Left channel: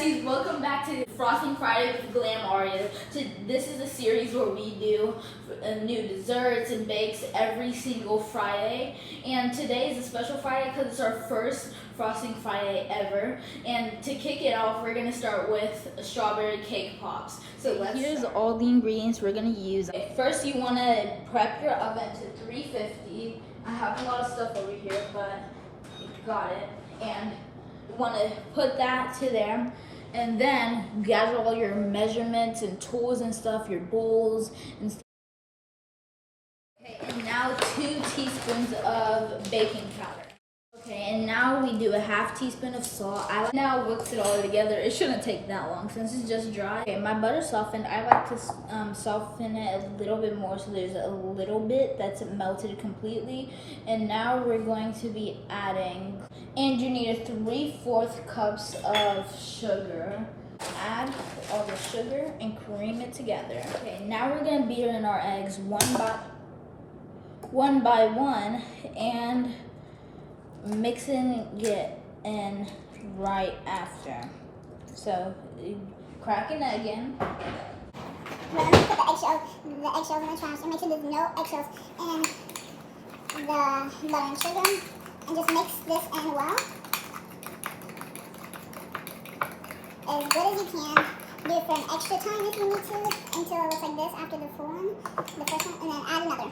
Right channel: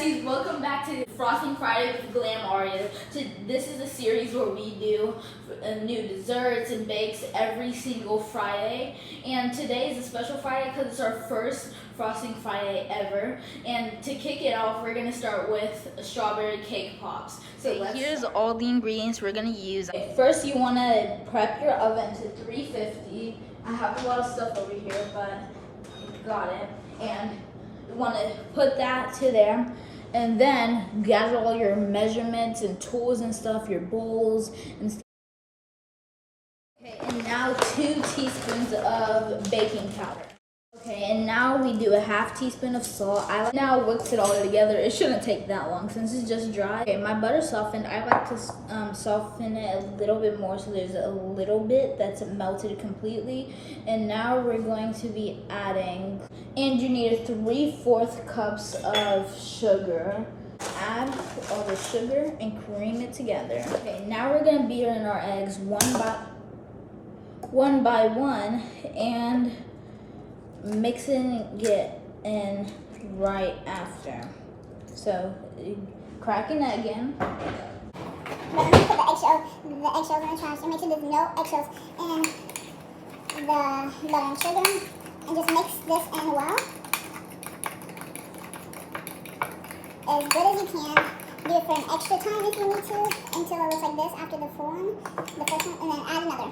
besties, welcome back to Frosting Friday with Glam Aria. This is a series where we do new desserts and bakes every single Friday. And today is a special Friday because it's our first Frosting Friday ever. And to kick it off, we're gonna start with strawberry cake pops. So here's all the ingredients we're gonna use. First, you wanna prep your oven to 350. I have a lot of stuff over here, but got it. And want to put that to there, and then gather all your measurements and tools and stuff, your bowls and stuff. Okay, and now 2 teaspoons of baking powder. Okay, and now we do a half teaspoon of salt. I like now mix it all together. It shouldn't take that long since it's just dry. Okay, my butter softened. I like to soften it a little bit more so there's a little bit that's melted completely. And now we're going to be adding, and you need 3/4 cups of sugar. Add all the sugar and cream it together. Okay, now we're gonna beat in our eggs one by one and mixing it in right after. So cracking it again. We're going to put the eggshells in the trash and make sure there's no eggshells in the butter and sugar, and just mix this in well as good as you can. Do it for an extra time if you need to until it looks like this after the full one, the first one, and then add another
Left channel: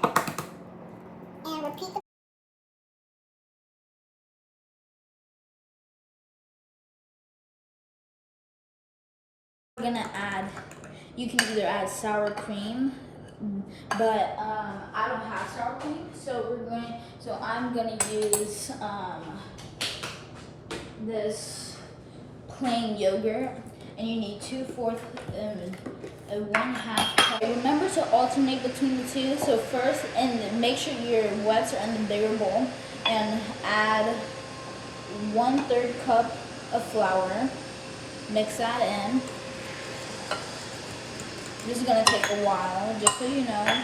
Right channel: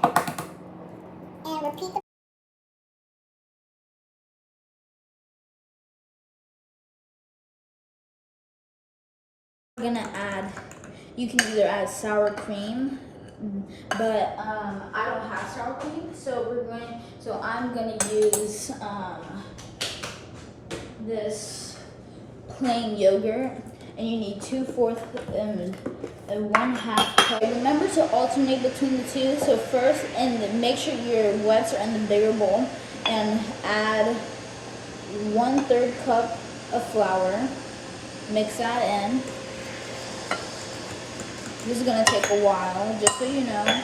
and repeat the We're gonna add, you can either add sour cream, but I don't have sour cream, so I'm gonna use this plain yogurt, and you need 2/4 and 1/2 cup. Remember to alternate between the two. So first, and make sure your wets are in the bigger bowl, and add 1/3 cup of flour. Mix that in. This is gonna take a while, just so you know,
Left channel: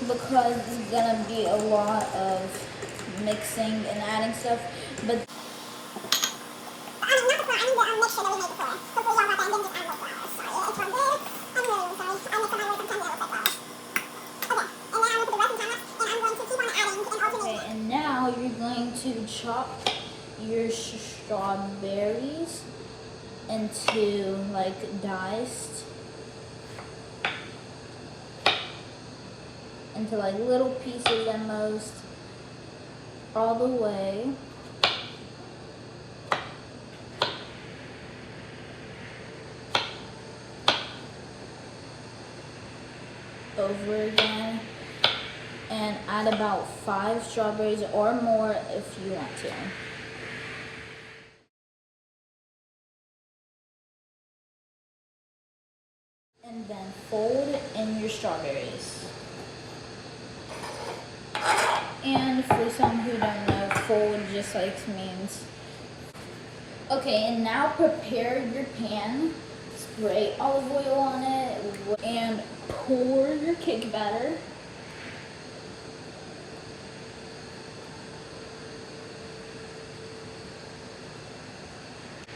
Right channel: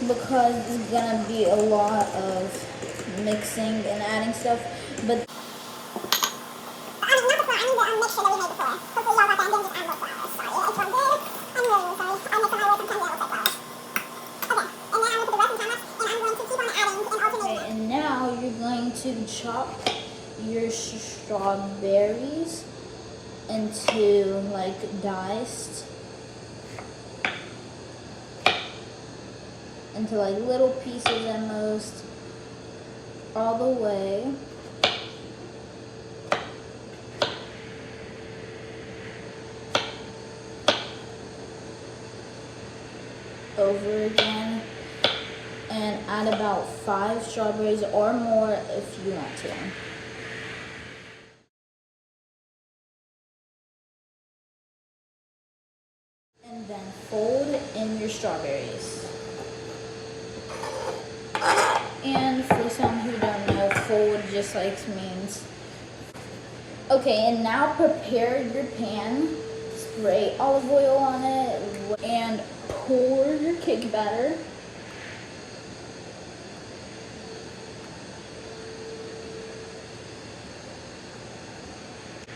because it's gonna be a lot of mixing and adding stuff. But not the flour, I need the mixture that we made before. Hopefully y'all got that and didn't just add more flour. Sorry, it's all good. I'm really sorry. I mix up my words, sometimes that looks like flour. Okay, and now I'm gonna put the rest in time lapse, and I'm going to keep on adding and alternating. okay, and now you're going to chop your strawberries into like diced, into like little pieces at most, all the way. Over again, and add about 5 strawberries or more if you want to. And then fold in your strawberries. And for some who don't know, fold just like means. Okay, and now prepare your pan. Spray olive oil on it and pour your cake batter.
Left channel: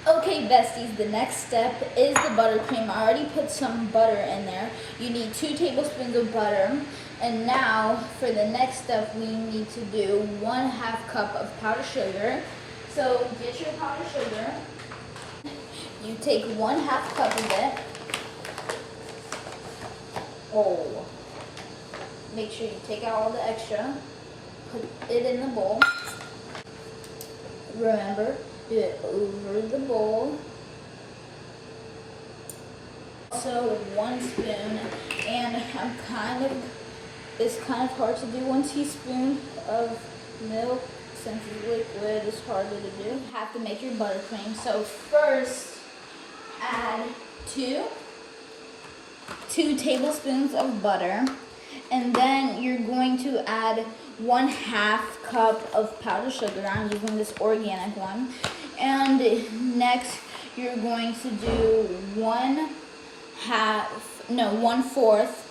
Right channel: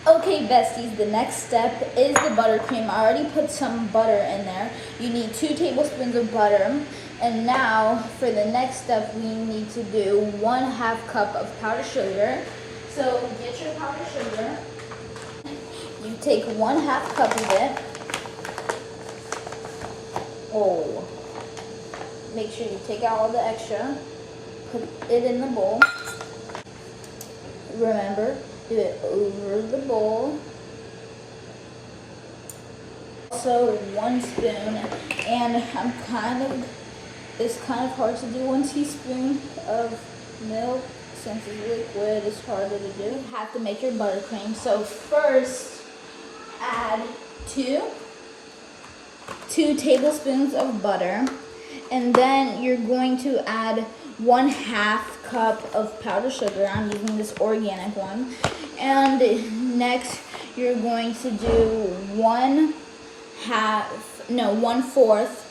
Okay, besties, the next step is the buttercream. I already put some butter in there. You need 2 tablespoons of butter. And now for the next step, we need to do 1/2 cup of powdered sugar. So get your powdered sugar. You take 1/2 cup of it. Oh, make sure you take out all the extra. Put it in the bowl. Remember, do it over the bowl. Also 1 spoon, and it's kind of hard to do 1 teaspoon of milk since it's liquid. It's harder to do. You have to make your buttercream. So first, add 2 tablespoons of butter, and then you're going to add 1/2 cup of powdered sugar. I'm using this organic one. And next, you're going to do 1/4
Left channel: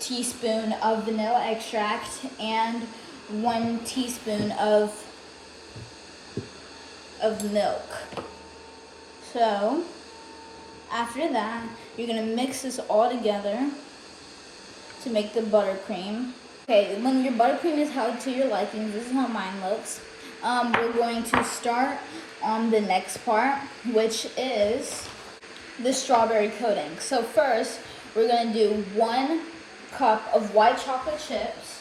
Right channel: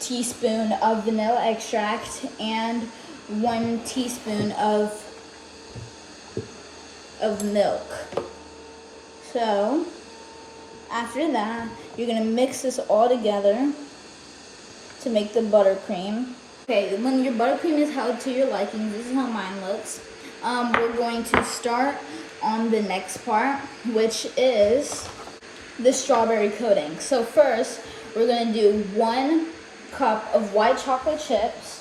teaspoon of vanilla extract and 1 teaspoon of milk. So after that, you're gonna mix this all together to make the buttercream. Okay, when your buttercream is held to your liking, this is how mine looks. We're going to start on the next part, which is the strawberry coating. So first, we're gonna do 1 cup of white chocolate chips.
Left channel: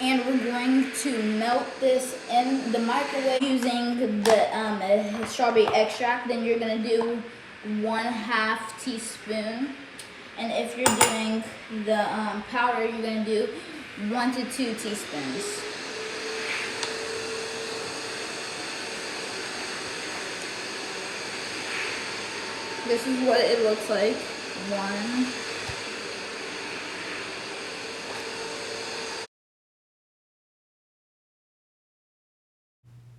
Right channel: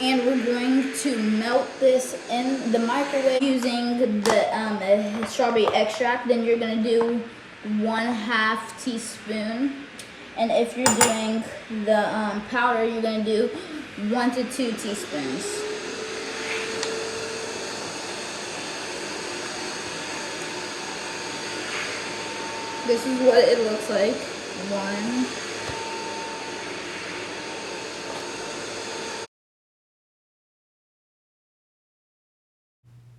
And we're going to melt this in the microwave using the strawberry extract. Then you're gonna do 1/2 teaspoon. And if you're doing the powder, you're gonna do 1 to 2 teaspoons. This is what it looks like. 1.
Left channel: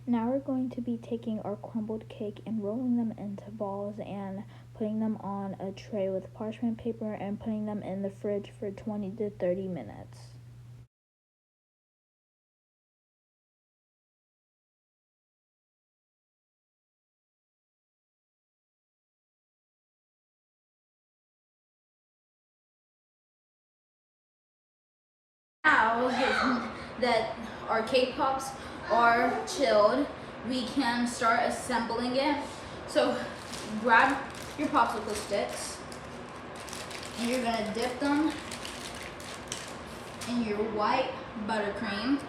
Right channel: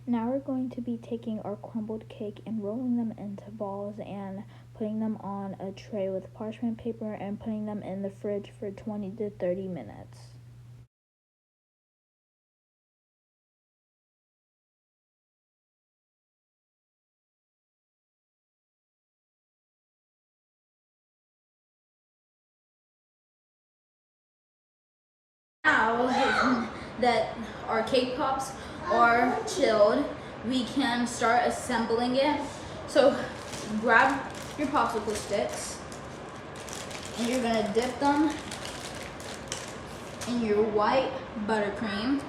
Now we're going to be taking our crumbled cake and rolling them into balls and putting them on a tray with parchment paper and putting them in the fridge for 20 to 30 minutes. Now that our cake pops are chilled, we can start assembling it. So grab your popsicle sticks and you're gonna dip them in your white buttercream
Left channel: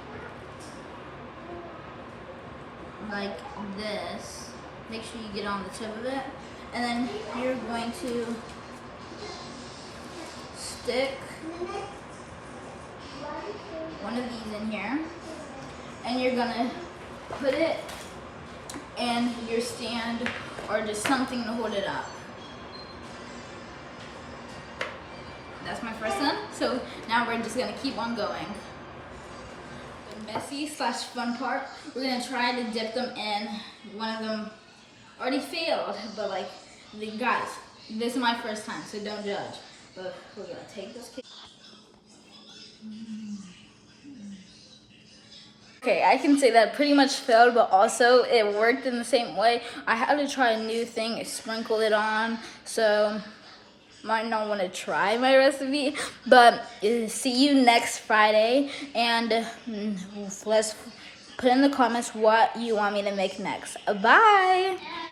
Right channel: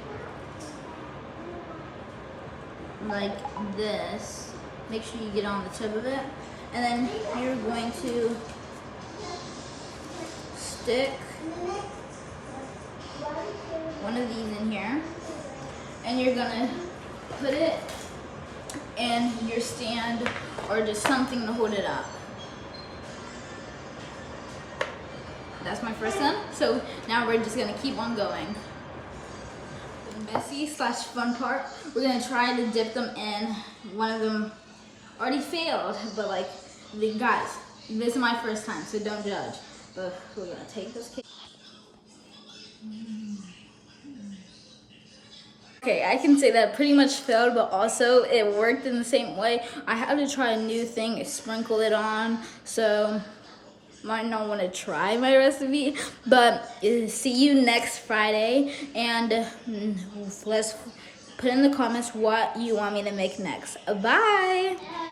like this. Make sure you get on the tip of it, and then you're going to stick one of these in here, and you're gonna put it in your stand or just something to hold it up. That's my first one. So now we're just gonna keep on going. The messy / fun part, we're gonna try to dip them in. One of them already failed, but like, guys, this is my first time, so don't judge. But we're gonna take this cake. Okay, I can say that pretty much failed, but also it worked in the same way. I had to try a new thing, sprinkle it on, so might not want to try my recipe, but see you next Friday, and let's put in the comments what you want me to make next. Bye!